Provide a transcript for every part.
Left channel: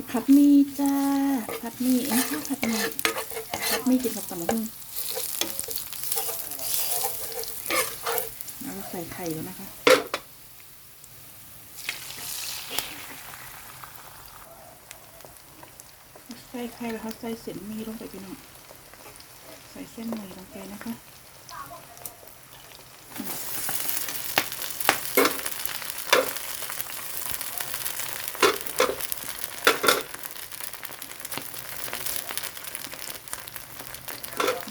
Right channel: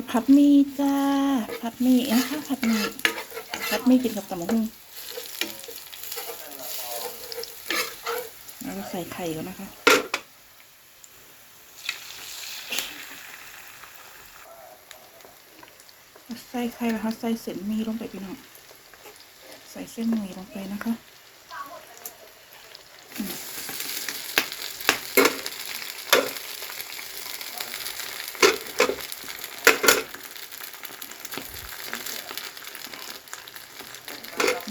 จะผัดมี่จ้า ผัดมี่นะคะผัดมี่ผัดมี่กินกับตำมะฮุ่งแล้วใส่ไข่ก่อนนะคะ ใส่ไข่แล้วค่ะใส่เส้นมี่ลงไปพี่น้อง ใส่เส้นหมี่ลงไปนะคะ ผ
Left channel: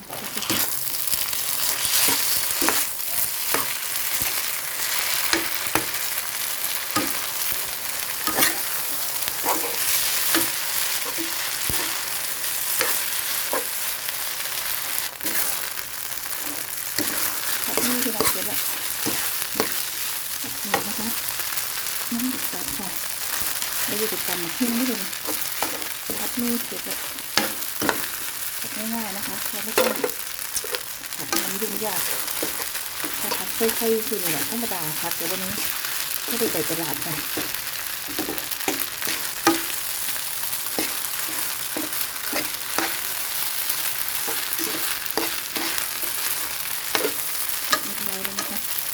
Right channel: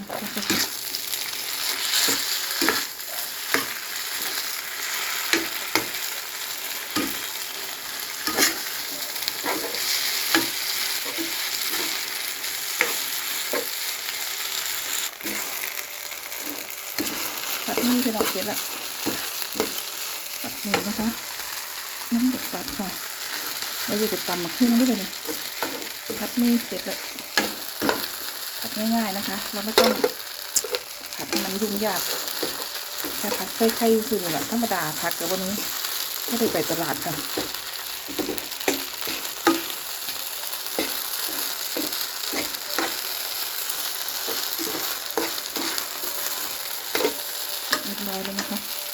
ัดหมี่ที่เราเก็บละผัดหมี่นะคะน้ำตกตัดค่ะแล้วอยู่กับตำหมักหุ่งด้วยเลยผัดมี่เสร็จเลยผัด ง่ายๆนะคะ เราไม่ต้องผัดให้มันยุ่งยากแค่ผัดใส่ไข่คือแบบธรรมดาผัดกับวันนี้ไม่ได้ไปตลาดค่ะเรียบร้อยแล้วนะคะ